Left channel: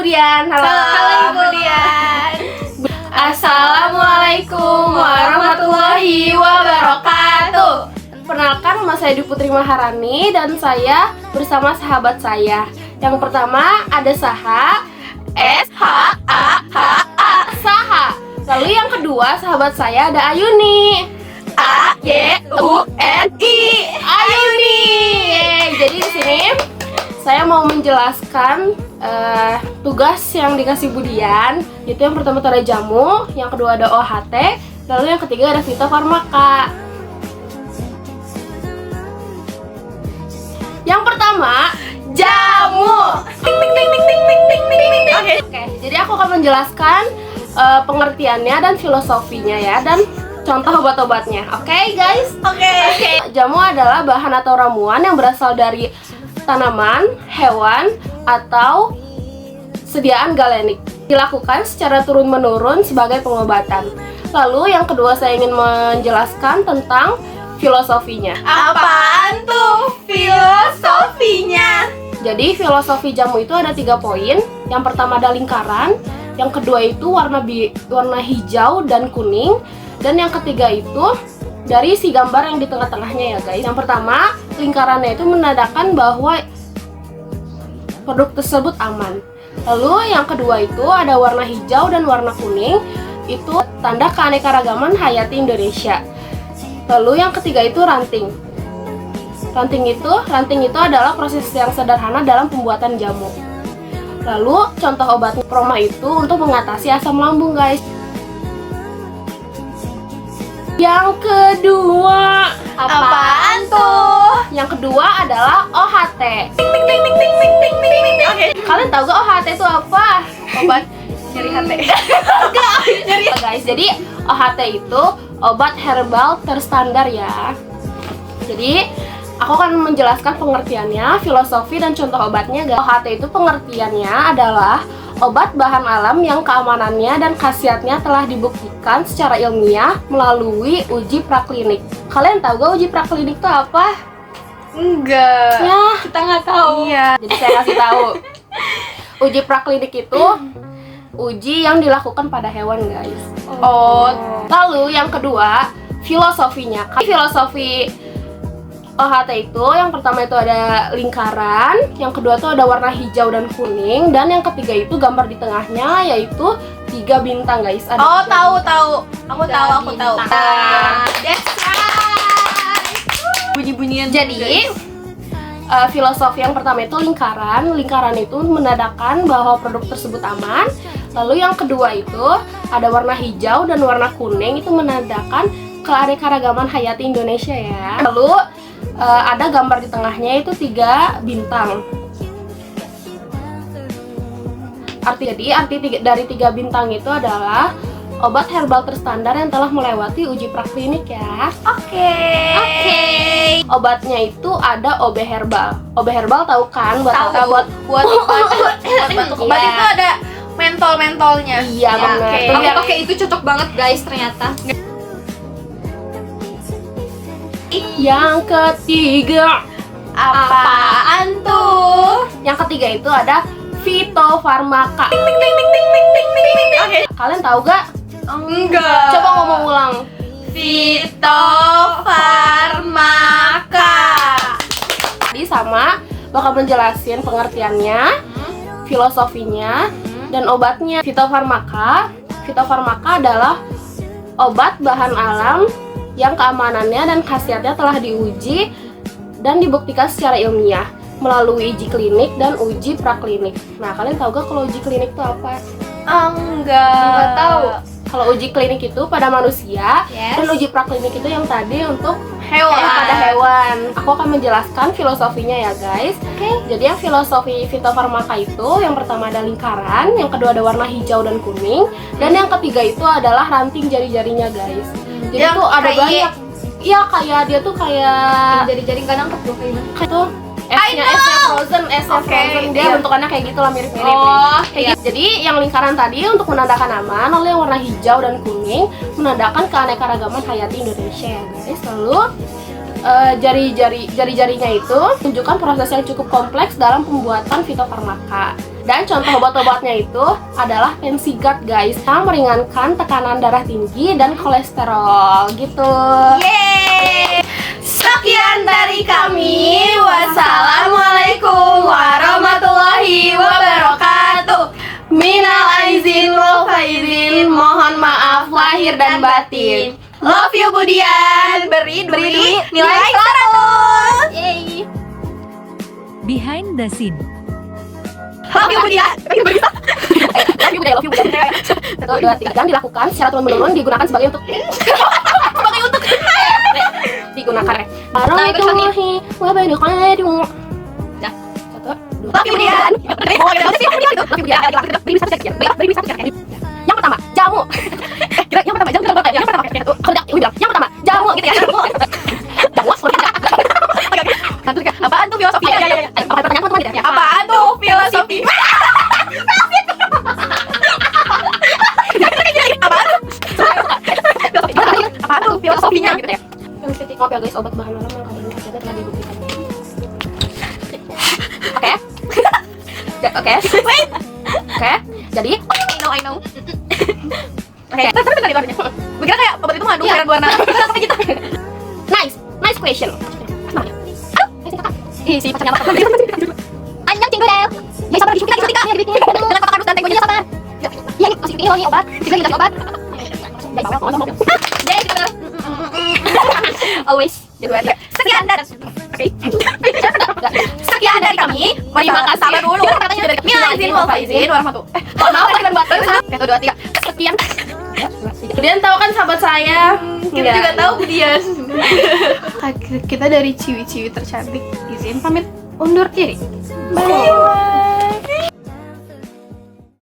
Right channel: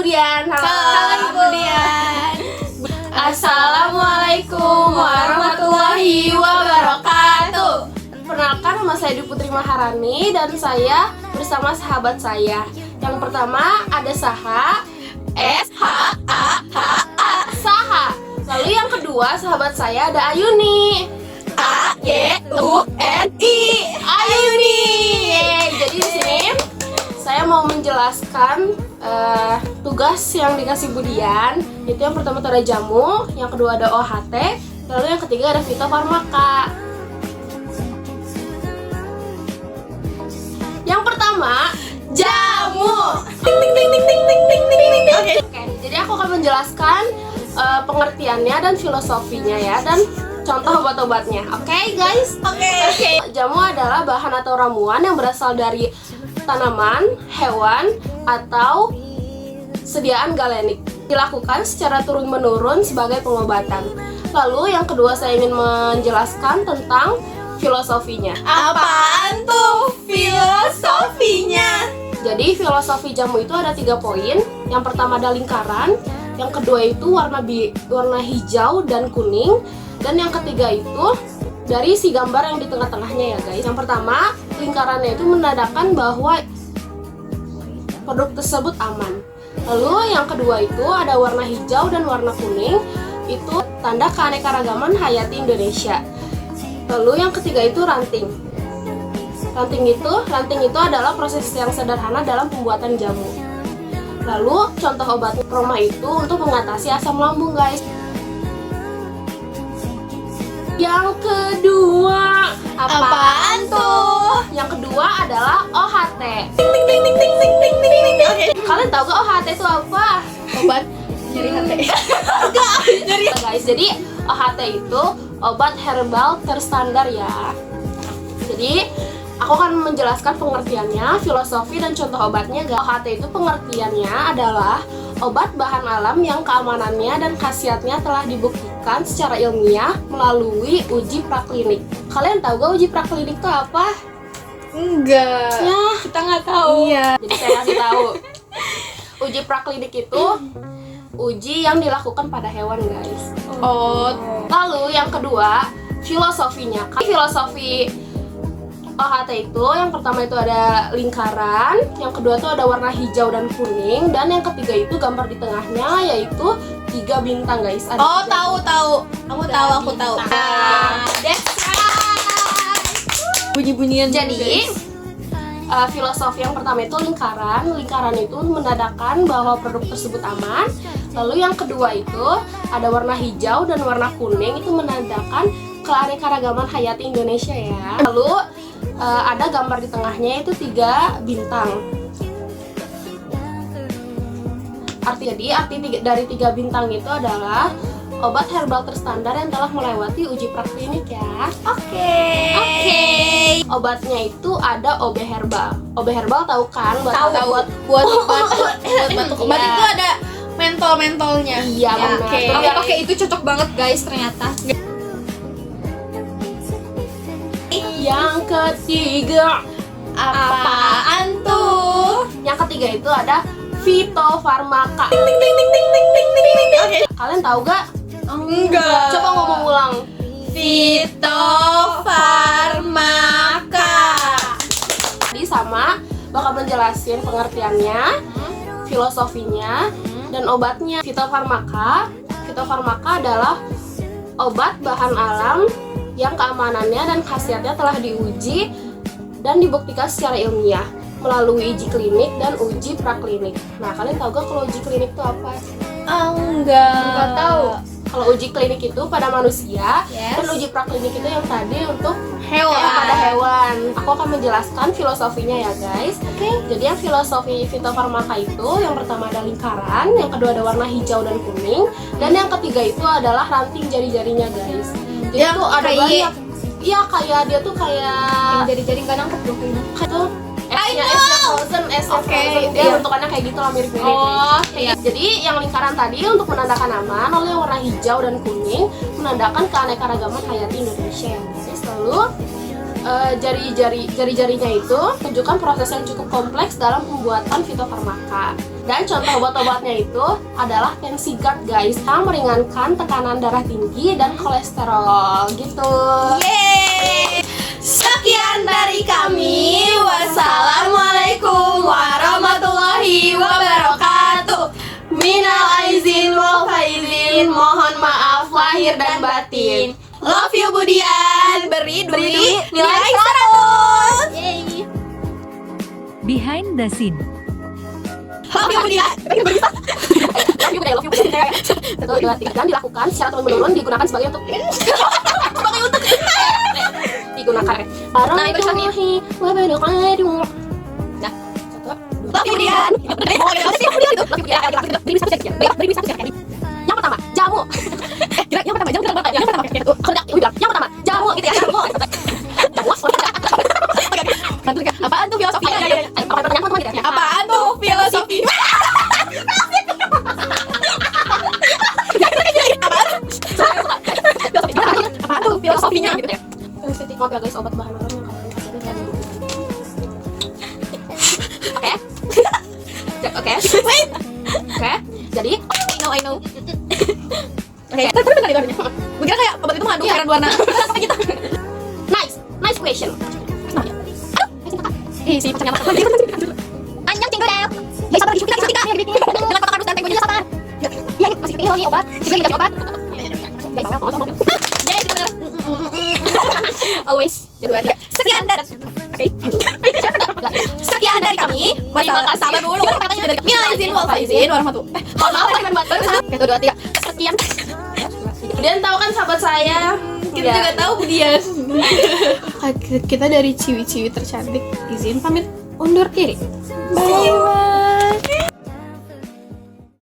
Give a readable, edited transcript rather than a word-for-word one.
Budian. Halo Ibu Dian. Assalamualaikum warahmatullahi wabarakatuh. Perkenalkan, nama saya Dwi Putri Maharani dan saya bersama sahabat saya. Yang pertama ada Saha, S-H-A-H-A, Saha. Lalu yang kedua sahabat saya ada Ayuni, A-Y-U-N-I, Ayuni. Jadi di sini saya mau menjelaskan tugas yang dikasih Budian. Itu yang pertama itu ada jamu, yang kedua ada OHT, lalu yang ketiga ada fitofarmaka. Yang pertama, jamu. Oke, jadi aku akan menjelaskan pengertiannya dan filosofinya ya, dan contoh obat-obatnya. Oke, guys. Oke. Jamu adalah bahan atau ramuan yang berasal dari tanaman, hewan, atau sediaan galenik. Dilakukan secara turun-menurun sebagai pengobatan. Lalu yang kedua saya ingin menjelaskan tentang filosofinya. Apaan tuh filosofinya? Jadi filosofi jamu itu ada 3 poin. Yang pertama ada lingkaran, yang kedua itu warna hijau dan kuning, dan yang ketiga itu dari si gambar yang di tengah-tengahnya ya guys. Yang pertama, lingkarannya itu menandakan bahwa produk tersebut aman. Lalu yang kedua itu ada warna hijau dan warna kuning, itu tanda keanekaragaman hayati Indonesia. Lalu yang ketiga itu ranting. Ranting itu adalah proses yang sederhana dalam pembuatan jamu. Lalu contoh obat Proma itu untuk mengatasi asam lambung guys. Yang kedua, Apaan tuh? Yang kedua adalah OHT. Kalian tahu gak OHT itu apa? Obat nyeri hati. Guys, jadi OHT itu obat herbal terstandar ya. Jadi aku akan menjelaskan pengertiannya, filosofi dan contoh obatnya guys. OHT itu pengertiannya adalah obat bahan alam yang keamanannya dan khasiatnya telah dibuktikan secara ilmiah melalui uji praklinik. Kalian tahu gak uji praklinik itu apa? Enggak. Ya, Kita nggak tahu. iya. Jadi saya kasih tahu. Uji praklinik itu uji yang dilakukan pada hewan guys. Oh. Lalu yang kedua, filosofinya. Filosofi OHT itu yang pertama itu ada lingkaran, yang kedua itu ada warna hijau dan kuning, dan yang ketiga itu gambar di tengahnya yaitu 3 bintang guys. Ada Oh, 3 tahu. Aku tahu. That's right. Bunyi-bunyian. Jadi filosofi yang pertama itu lingkaran. Lingkaran itu menandakan bahwa produk tersebut aman. Lalu yang kedua itu ada warna hijau dan warna kuning, itu menandakan keanekaragaman hayati Indonesia ya. Lalu ada gambar di tengahnya itu 3 bintang. Arti dari 3 bintang itu adalah obat herbal terstandar yang telah melewati uji praklinik ya. Oke. Obatnya itu ada OB herbal. OB herbal tahu kan? Tahu buat batuk. Obat Iya. itu ada mentol-mentolnya. Iya, benar. oke. Tapi Aku yang- pakai itu cocok banget guys ternyata. Yang ketiga, Apaan tuh? yang ketiga itu ada fitofarmaka. Oke. Kalian tahu gak? Enggak. Coba ngomong ulang. Fitofarmaka. Jadi sama bakal menjelasin pengertiannya, filosofinya, dan obatnya. Fitofarmaka adalah obat bahan alam yang keamanannya dan khasiatnya telah diuji dan dibuktikan secara ilmiah melalui uji klinik dan uji praklinik. Nah, kalian tahu gak kalau uji klinik itu apa? Enggak tahu. Kalau uji klinik itu pada manusia, Yes. dan uji praklinik itu yang tadi untuk Hewan. pada hewan. Aku akan menjelaskan filosofinya ya guys. Oke. Jadi yang filosofi fitofarmaka itu yang pertama ada lingkaran, yang kedua ada warna hijau dan kuning, dan yang ketiga itu adalah ranting jari-jarinya guys. Jadi Yang tuh ada kayak- banyak. Iya, kayak dia tuh kayak Jari-jari nggak nangkep dong kayaknya. itu esnya frozen, Oke, dia iya. bentukannya kayak gitu lah, mirip-mirip. Oh, iya. Jadi yang lingkaran tadi untuk menandakan aman, lalu yang warna hijau dan kuning menandakan keanekaragaman hayati Indonesia ya guys. Lalu jari-jarinya itu menunjukkan proses yang cukup kompleks dalam pembuatan fitofarmaka. Dan contoh obat-obatnya itu adalah Pensigat guys, yang meringankan tekanan darah tinggi dan kolesterol gitu. Yeay. Sekian dari kami. Wassalamualaikum warahmatullahi wabarakatuh. Minal aizin wal faizin. Mohon maaf lahir dan batin. Love you Budian. Beri duit nilai 100. Yeay. Behind the scene. Love you Budian. Love you, Budian. 1, 2, 3 kan dilakukan secara turun-menurun, digunakan sebagai untuk digunakan ya. Warahmatullahi wabarakatuh. Nah, 1, 2, Love you Budian. yang pertama, jamu. Yang pertama, jamu. Yang pertama, kerja. Yang pertama, jamu gitu ya. Jamu. Apaan tuh filosofi? Pertanyaan teman-teman gitu ya. Apaan tuh filosofi? Apaan tuh filosofinya? gitu ya. Ngopi guys, obat bahan orang yang kadang ada dan Oke. Oke. Jadi, I know. Oke, terus bentar di luarnya. Gue kira kayak obat itu mengandung cairan berwarna. Sampai gitu. nice question. Si pacarnya apa? Anjang cinggu deh. Ya sabar disuntik dengan kotak kardus dan tenggonya sabar. Ya masih ini wangi obat. Sini dikasih obat. Jadi benar. Always. Sekian dari Sekian dari kami. Sabar dulu. Minal aizin wal faizin warahmatullahi. Maaf dan buat 1, 2, 3. sekian. Budian tahu kan sahabat saya? Kita juga tahu Budian. Kita dari ciwi-ciwi tercantik izin pamit undur diri. Bye.